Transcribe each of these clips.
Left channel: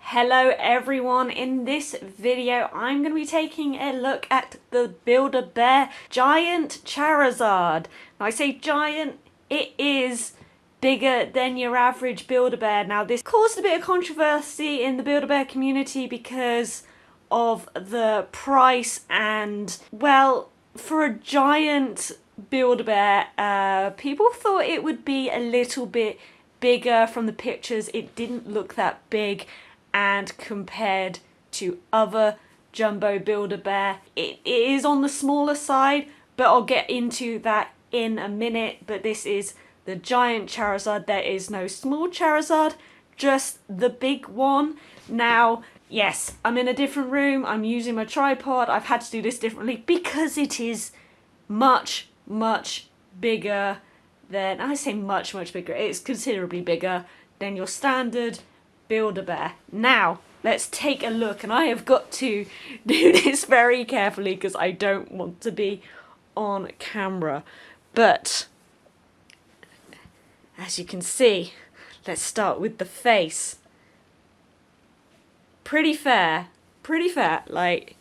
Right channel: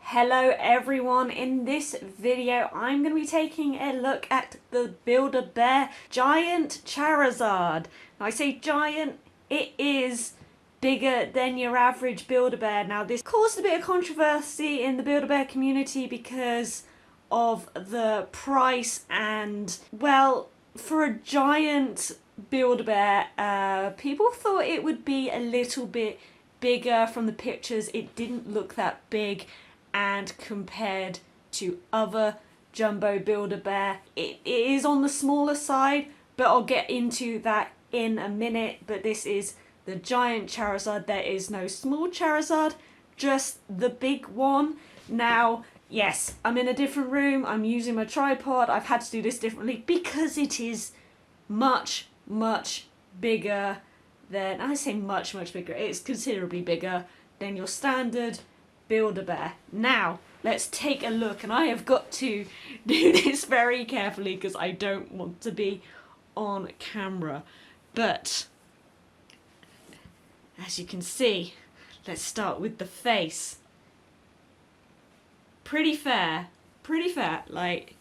Hello everyone, in this video I'm going to be taking a look at the Build-A-Bear Giant Charizard. Now I say giant, it is bigger than your average Build-A-Bear. Now this caused a bit of controversy in the Build-A-Bear community because of the price and, well, for a giant Build-A-Bear, people thought it would be a little bit bigger from the pictures. It didn't look that big. And compared to other jumbo Build-A-Bear, it is on the smaller side, but I'll get into that in a minute. But this is the giant Charizard. There is no small Charizard, just the big one. Now, yes, I'm in a different room. I'm using my tripod. I've had to do this differently because it is much, much bigger than, I say much, much bigger. It's considerably bigger than your standard Build-A-Bear. Now, let's take a look, and I have got to do this very carefully because I don't want to be on camera. But, as you can see, let's start with the face. Pretty fair, like,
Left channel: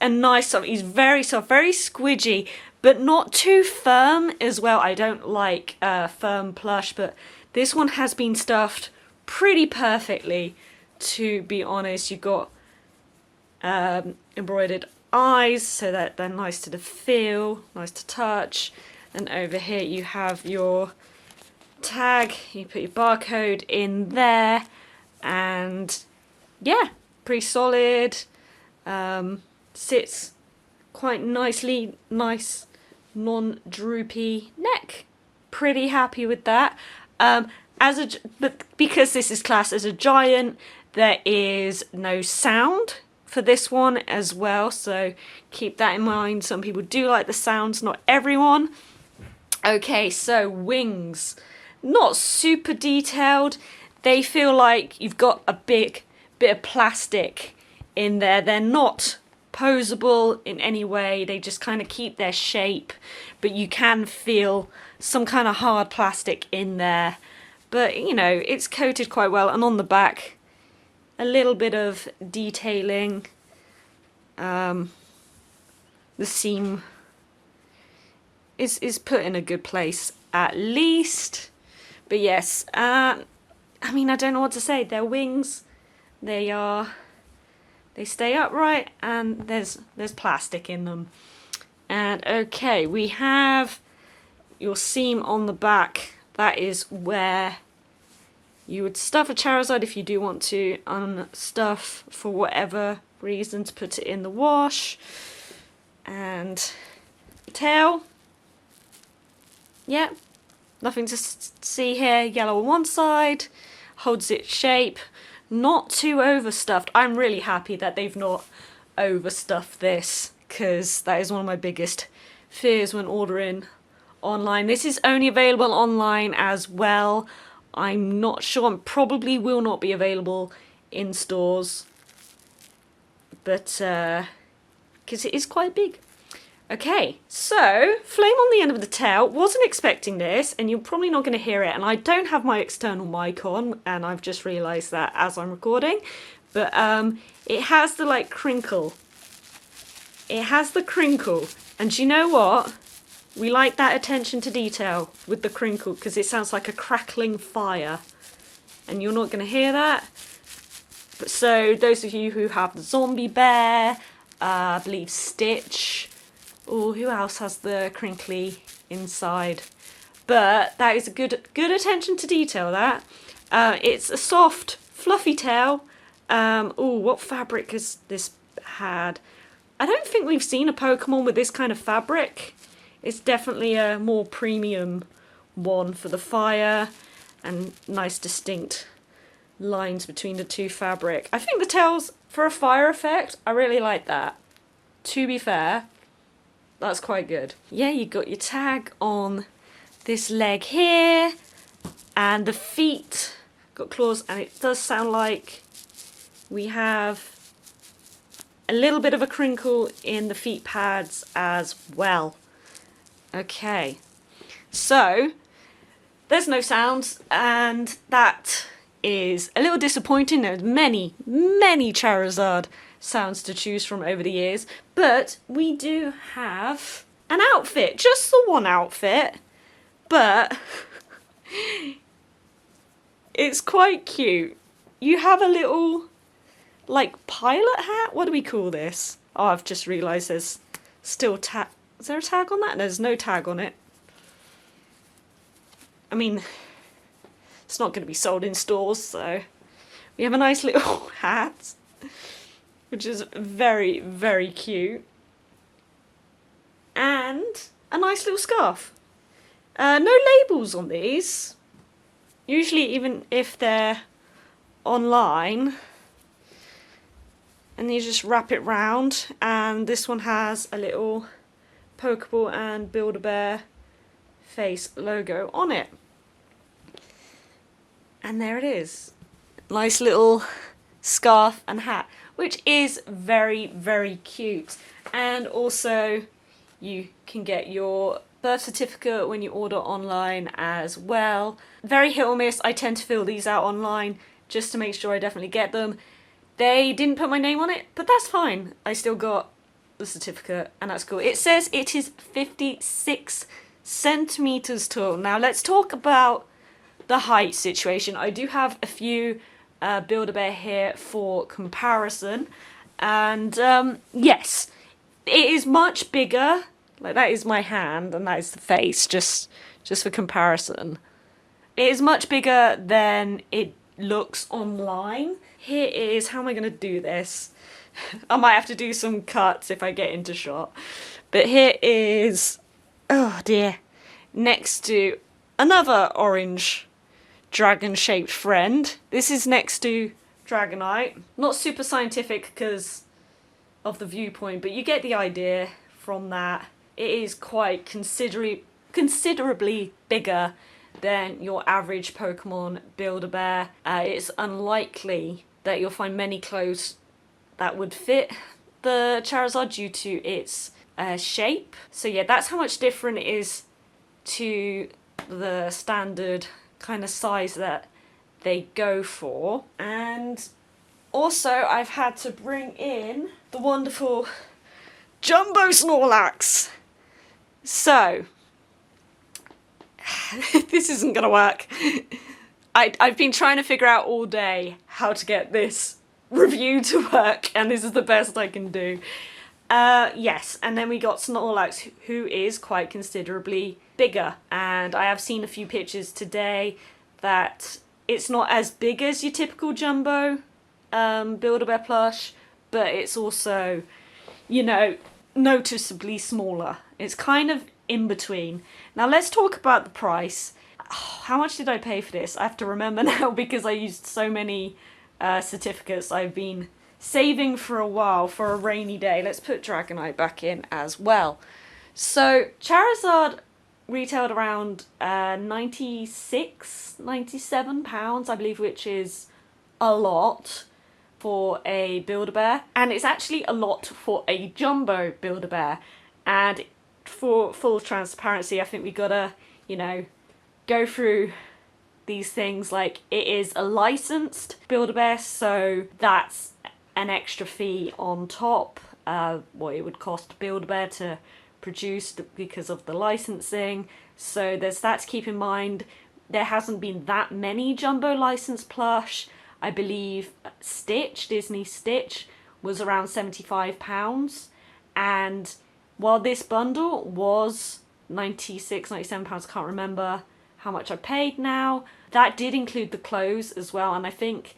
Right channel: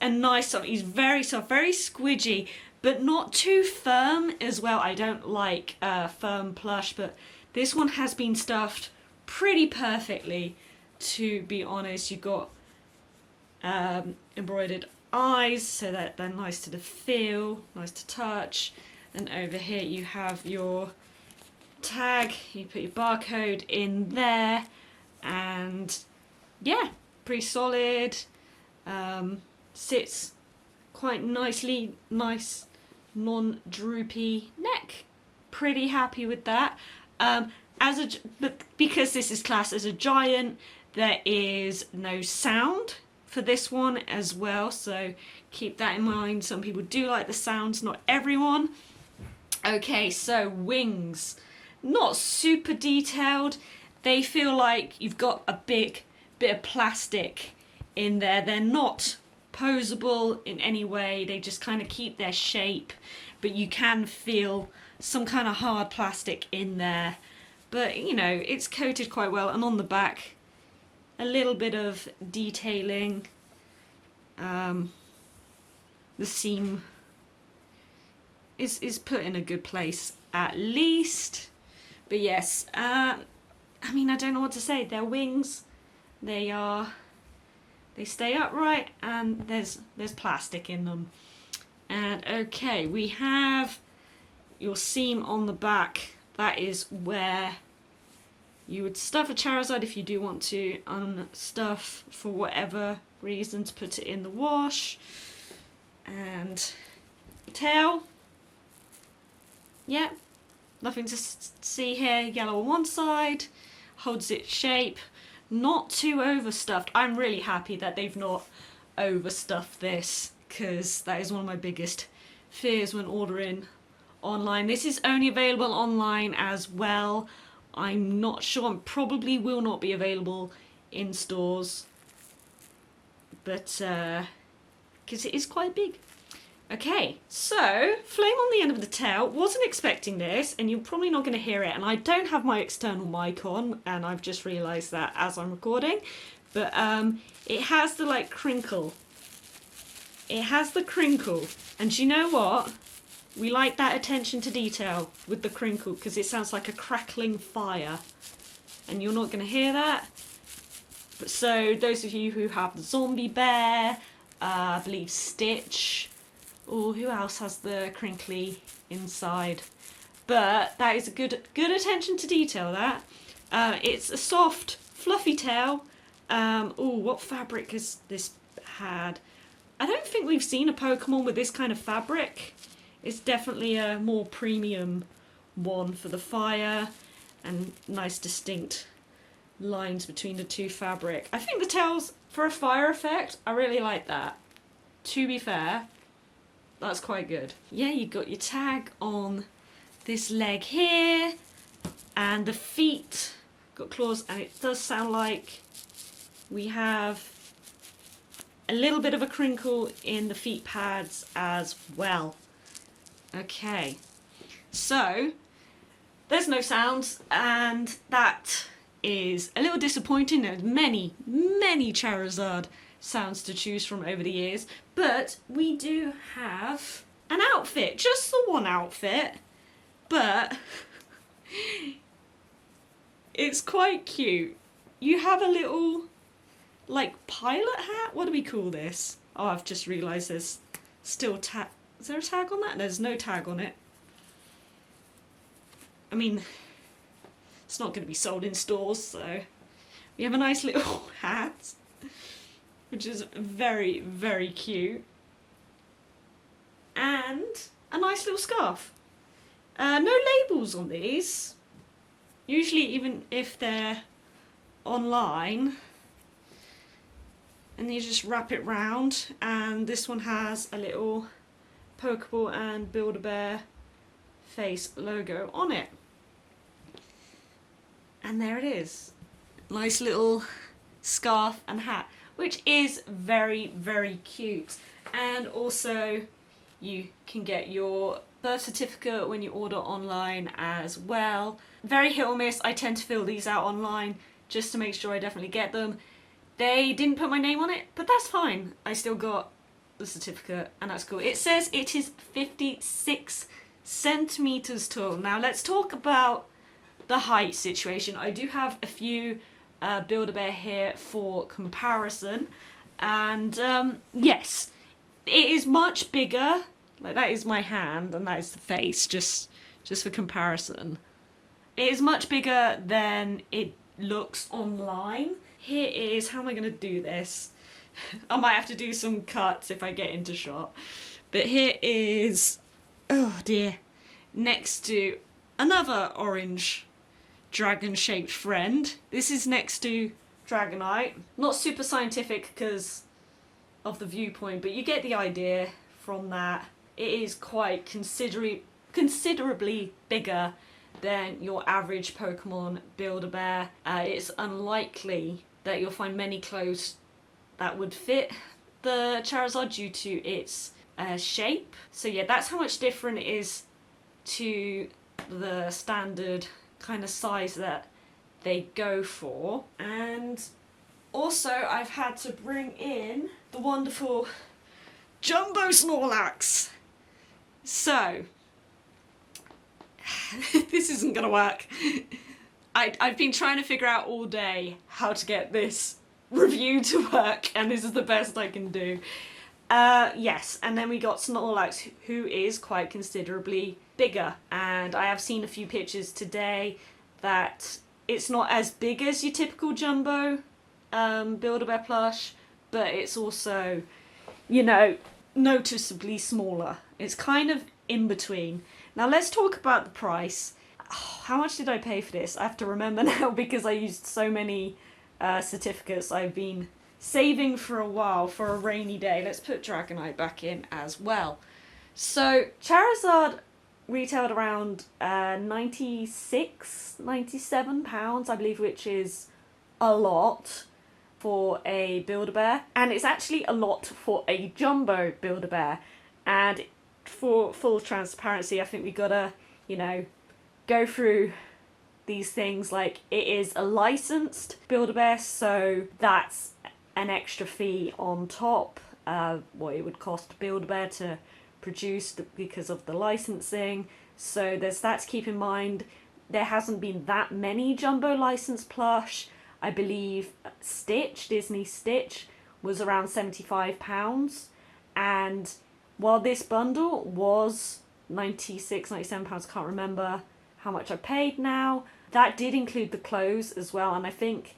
a nice soft, he's very soft, very squidgy, but not too firm as well. I don't like firm plush, but this one has been stuffed pretty perfectly, to be honest. You got embroidered eyes so that they're nice to the feel, nice to touch, and over here you have your tag. You put your barcode in there, and yeah, pretty solid. Sits quite nicely, nice non-droopy neck. Pretty happy with that. But because this is classed as a giant, there is no sound for this one as well, so keep that in mind. Some people do like the sounds, not everyone. Okay, so wings. Not super detailed. They feel like you've got a big bit of plastic in there. They're not posable in any way. They just kind of keep their shape, but you can feel some kind of hard plastic in there. But, you know, it's coated quite well. And on the back, a little bit of detailing. The seam is put in a good place, at least. But yes, I mean, I don't know what to say. Their wings, they stay upright, and there's plastic in them. And, okay, we have your seam on the back. That is where you would stuff a Charizard if you do want to unstuff for whatever reason, to put it in the wash. And the tail, yeah, nothing to see here. Yellow on one side, holds its shape, not too overstuffed. I'm really happy that they've not overstuffed this, because that is one of my biggest fears when ordering online. This is only available online as well. I'm not sure, and probably will not be available in stores, but because it is quite big. Okay, so flame on the end of the tail. Wasn't expecting this, and you're probably not going to hear it, and I don't have my external mic on, and I've just realised that as I'm recording. But it has the like crinkle. It has the crinkle, and do you know what? We like that attention to detail with the crinkle, because it sounds like a crackling fire. And you're not going to hear that. But so, those of you who have the zombie bear, I believe Stitch, or who else has the crinkly inside? But that is a good attention to detail, that. It's a soft, fluffy tail. Oh, what fabric has this had? I don't think we've seen a Pokemon with this kind of fabric. It's definitely a more premium one for the fire, and nice distinct lines between the two fabric. I think the tails, for a fire effect, I really like that. To be fair, that's quite good. Yeah, you got your tag on this leg here, and the feet got claws, and it does sound like we have a little bit of a crinkle in the feet pads as well. Okay, so there's no sounds, and that is a little disappointing. There's many Charizard sounds to choose from over the years, but we do have an outfit, just the one outfit, but it's quite cute. You have a little, like, pilot hat? What do we call this? Oh, I've just realised there's still tag. Is there a tag on that? There's no tag on it. I mean, it's not going to be sold in stores, so we have a nice little hat, which is very, very cute, and a nice little scarf. No labels on these. Usually, even if they're online, and you just wrap it round, and this one has a little Pokeball and Build-A-Bear face logo on it. And there it is. Nice little scarf and hat, which is very, very cute. And also, you can get your birth certificate when you order online as well. Very hit or miss. I tend to fill these out online just to make sure I definitely get them. They didn't put my name on it, but that's fine. I still got the certificate, and that's cool. It says it is 56 centimeters tall. Now let's talk about the height situation. I do have a few Build-A-Bear here for comparison, and yes, it is much bigger. Like, that is my hand, and that is the face, just for comparison. It is much bigger than it looks online. Here is, how am I going to do this? I might have to do some cuts if I get into shot. But here is, oh dear, next to another orange dragon-shaped friend. This is next to Dragonite. Not super scientific because of the viewpoint, but you get the idea from that. It is quite considerably bigger than your average Pokemon Build-A-Bear. It's unlikely that you'll find many clothes that would fit the Charizard due to its shape. So yeah, that's how much different it is to the standard kind of size that they go for. And also, I've had to bring in the wonderful Jumbo Snorlax. So, this isn't going to work. I've been trying to figure out all day how to get this review to work, and this is the best I can do. Yes, and then we got Snorlax, who is quite considerably bigger, and I have seen a few pictures today that it's not as big as your typical Jumbo Build-A-Bear plush, but it's also, you know, noticeably smaller. It's kind of in between. Now let's talk about the price. Oh, how much did I pay for this? I have to remember now because I used so many certificates I've been saving for a while for a rainy day. Let's put Dragonite back in as well. So Charizard retailed around £97, I believe, which is a lot for a Build-A-Bear, and it's actually a lot for a Jumbo Build-A-Bear. And for full transparency, I think we gotta, you know, go through these things. Like, it is a licensed Build-A-Bear, so that's an extra fee on top of what it would cost to Build-A-Bear to produce because of the licensing. So there's that to keep in mind. There hasn't been that many Jumbo licensed plush. I believe Disney Stitch was around £75, and while this bundle was £96, £97, I can't remember how much I paid now, that did include the clothes as well, and I think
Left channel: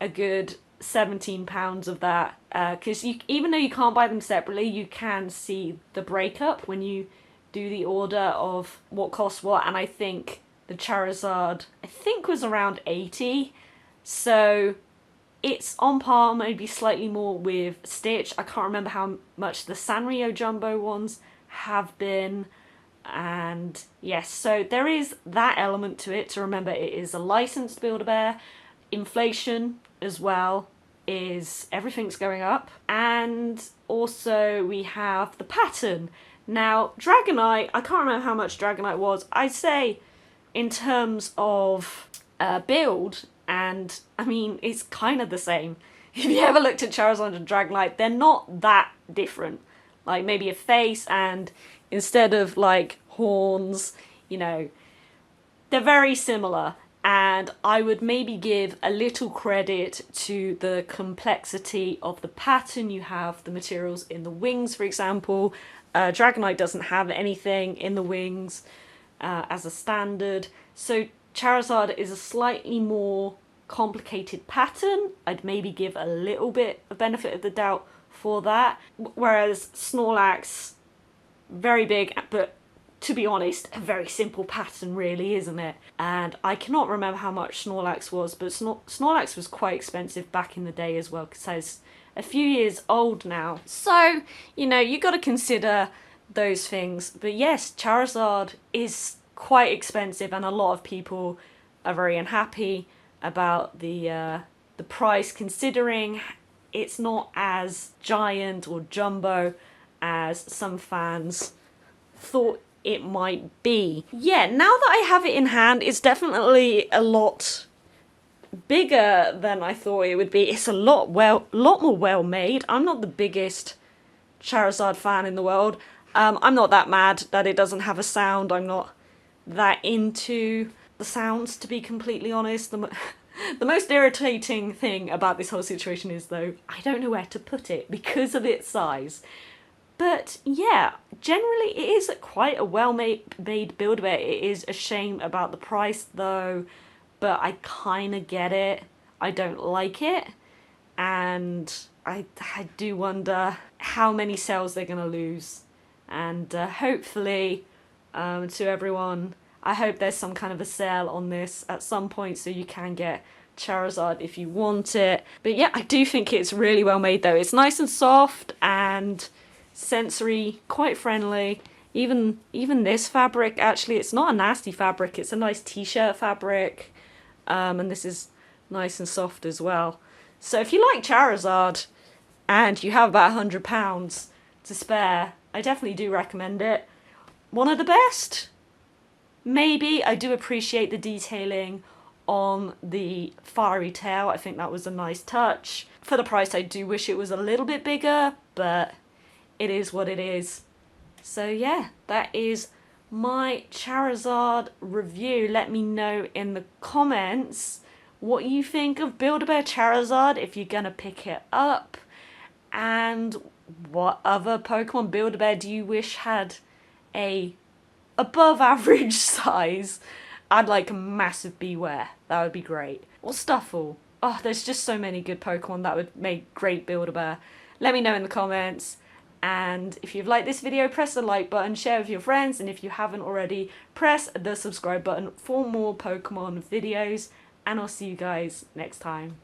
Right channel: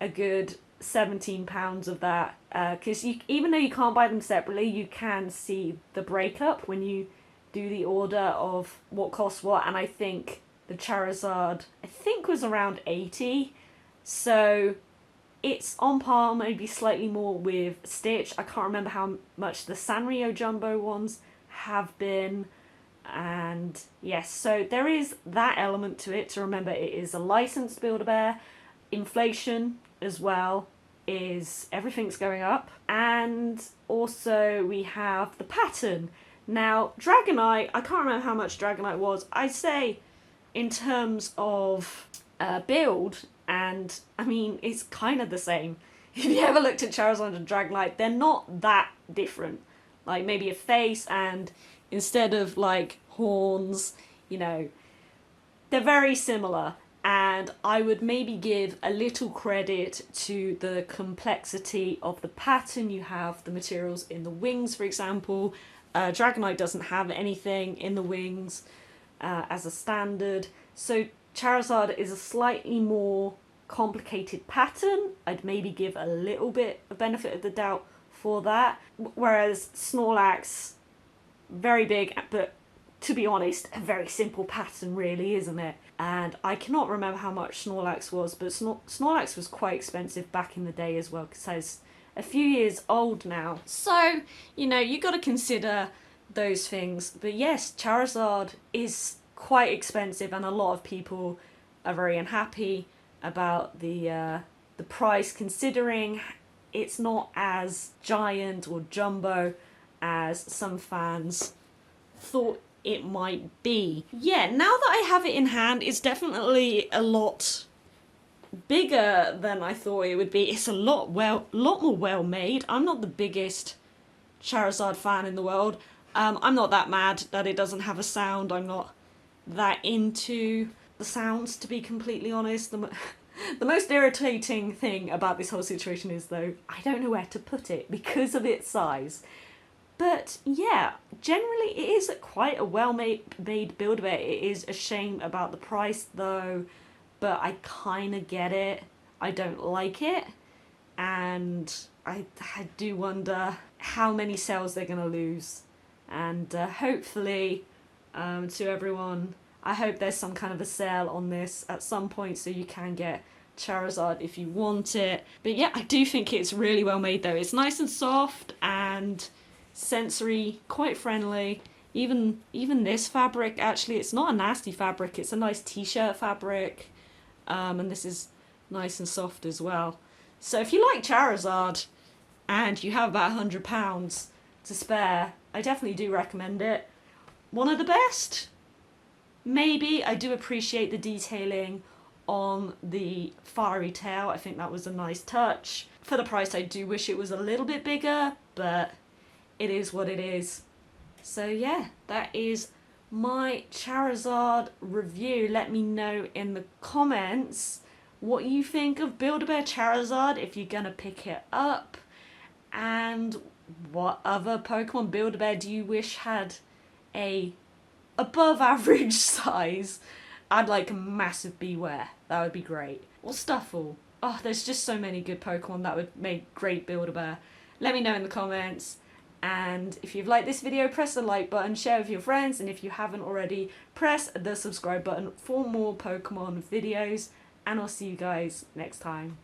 a good £17 of that, because even though you can't buy them separately, you can see the breakup when you do the order of what costs what, and I think the Charizard, I think, was around 80, so it's on par, maybe slightly more with Stitch. I can't remember how much the Sanrio Jumbo ones have been. And yes, so there is that element to it, to remember it is a licensed Build-A-Bear. Inflation as well is, everything's going up. And also we have the pattern. Now Dragonite, I can't remember how much Dragonite was. I'd say in terms of build, and I mean, it's kind of the same. If you ever looked at Charizard and Dragonite, they're not that different. Like maybe a face, and instead of like horns, you know, they're very similar. And I would maybe give a little credit to the complexity of the pattern. You have the materials in the wings, for example. Dragonite doesn't have anything in the wings as a standard. So Charizard is a slightly more complicated pattern. I'd maybe give a little bit of benefit of the doubt for that. Whereas Snorlax, very big, but to be honest, a very simple pattern really, isn't it? And I cannot remember how much Snorlax was, but Snorlax was quite expensive back in the day as well, because it's a few years old now. So, you know, you got to consider those things. But yes, Charizard is quite expensive, and a lot of people are very unhappy about the price, considering it's not as giant or jumbo as some fans thought it might be. Yeah, now that I have it in hand, it's definitely a lot bigger than I thought it would be. It's a lot more well made. I'm not the biggest Charizard fan in the world. I'm not that mad that it doesn't have a sound. I'm not that into the sounds, to be completely honest. The most irritating thing about this whole situation is, though, I don't know where to put it because of its size. But yeah, generally it is quite a well-made Build-A-Bear. It is a shame about the price, though, but I kind of get it. I don't like it, and I do wonder how many sales they're going to lose. And hopefully, to everyone, I hope there's some kind of a sale on this at some point so you can get Charizard if you want it. But yeah, I do think it's really well made though. It's nice and soft and sensory, quite friendly. Even this fabric, actually, it's not a nasty fabric. It's a nice t-shirt fabric. And this is nice and soft as well. So if you like Charizard and you have about £100 to spare, I definitely do recommend it. One of the best? Maybe. I do appreciate the detailing on the fiery tail. I think that was a nice touch. For the price, I do wish it was a little bit bigger, but it is what it is. So yeah, that is my Charizard review. Let me know in the comments what you think of Build-A-Bear Charizard, if you're gonna pick it up, and what other Pokemon Build-A-Bear do you wish had a above average size. I'd like a massive Beware. That would be great. Or Stuffle. Oh, there's just so many good Pokemon that would make great Build-A-Bear. Let me know in the comments. And if you've liked this video, press the like button, share with your friends, and if you haven't already, press the subscribe button for more Pokemon videos, and I'll see you guys next time.